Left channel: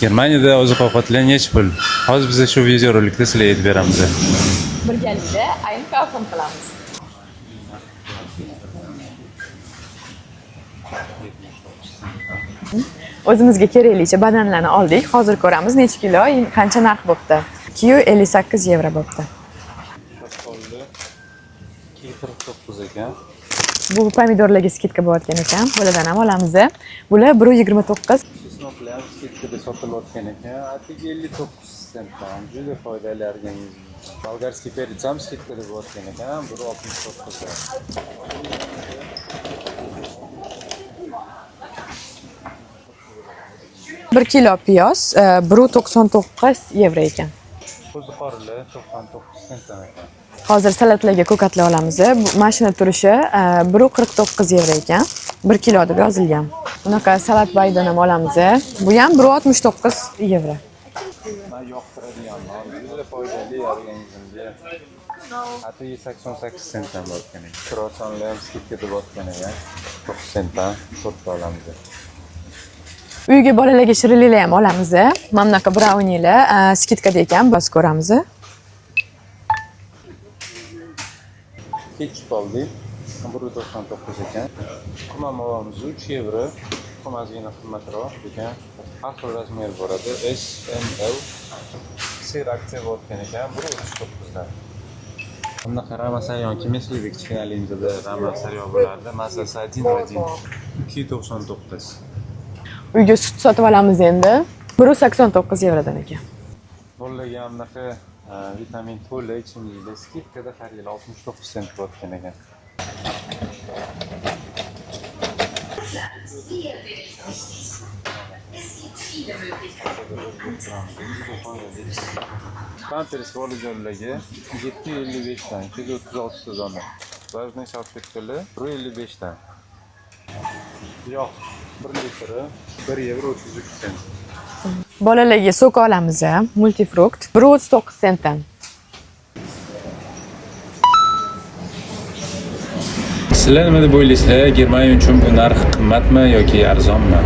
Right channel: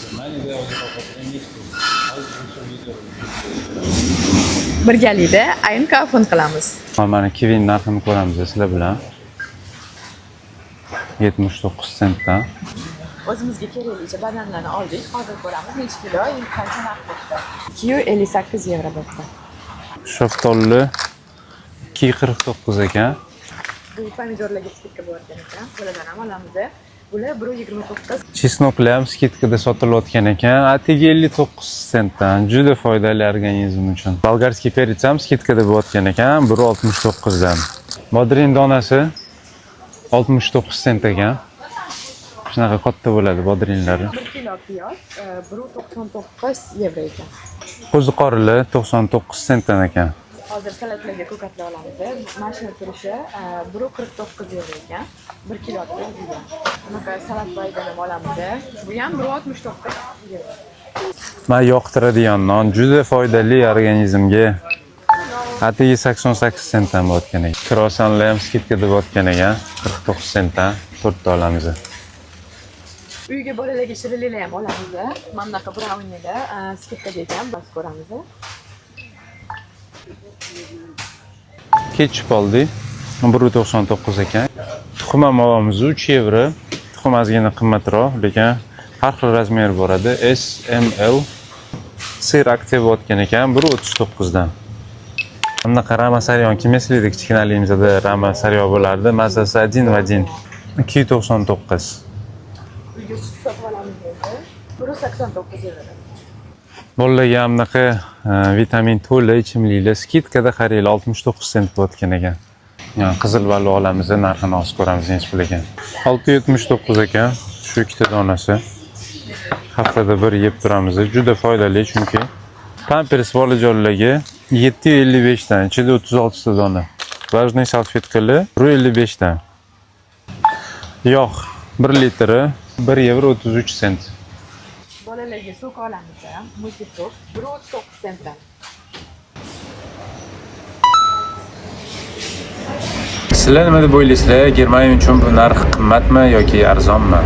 Germaniyada oziq-ovqatlar nechi pul? Hozir biz shu videorolikda sizlarga aytib beramiz. Birgalikda ayni kafon qilamiz. Mana kivin narxini ko'ramiz sizlar bilan. 79 sentdan. O'zimizga keraklicha bananlarni oldik. Hozir ko'ramiz necha kilo, qancha narx bo'pti. 258 yevro bo'pti. Shaftoli 249 ekan. Bu pomidorlarga skidka bo'layotgan ekan. Bulardan ham olamiz. Bular 1.29. Chesnoklar ham skidkada sotilayotgan ekan. Atigi 59 sentdan. Juda foydali organizm uchun. Bolgarskiy perets ham skidkada bo'layotgan ekan. 1.69 dan. Bodrin donasi 69 sent ekan. Shunaqa katta bo'ladi bodrinlari. 1 kilo piyoz 1.99 yevro ekan. Qo'ziqorli 99 sentdan ekan. Hozir salatlarga ko'katlar olamiz. Bu mashina turishi 1.49 yevro ekan. 1 kilo deb yozilgan. Bunaqa salat baydan ham olamiz. Bu ham 1.69 yevro. Men yoqtiradigan non juda foydali organizmga. Atigi 88 sentdan bo'layotgan ekan. Krosanlar ham skidkada bo'layotgan ekan. 49 sentdan 4 ta olamiz. Uyga bolalarga shirinliklar ham olamiz. Mana bunaqa braunilar skidkada ekan, biz ko'ramiz. Ketchup oldik. 1.99 ekan. Tuxum ham olamiz 3 yevro. Tuxum ozgina qimmatroq, lekin har xil razmer bo'ladi. S, M, L. Sir aktiv bo'layotgan ekan 1.39 dan. Bunaqa ramasaryon kimeslikda kichkinaligimizda ramasaryon bo'lardi. Mazasi 1 va 1. 299. Uyga sut sotib olamiz endi. 1.89 yevrodan ekan. Bolalarga ham bunaqa vitamin to'la ichimliklar skidkada qarayli 69 sent bo'layotgan ekan. Yani qizil baliq olamiz, narxini hozir ko'ramiz necha pul ekan. 679 ekan. Shu ikkita donasi. Haftada bir yeb turamiz. Juda foydali chunki Pampers bolajonlarga 755 dan, ichida 36 ta dona. Влажный salfetkalar 155 dan. Yog' 1 litri 1 yevro 33 sent. Bolalarga sok olamiz, multifrukt 1.39 sentdan. Sizlar nima deb o'ylaysizlar? Germaniya uchun bu narx qimmatmi yoki arzonmi?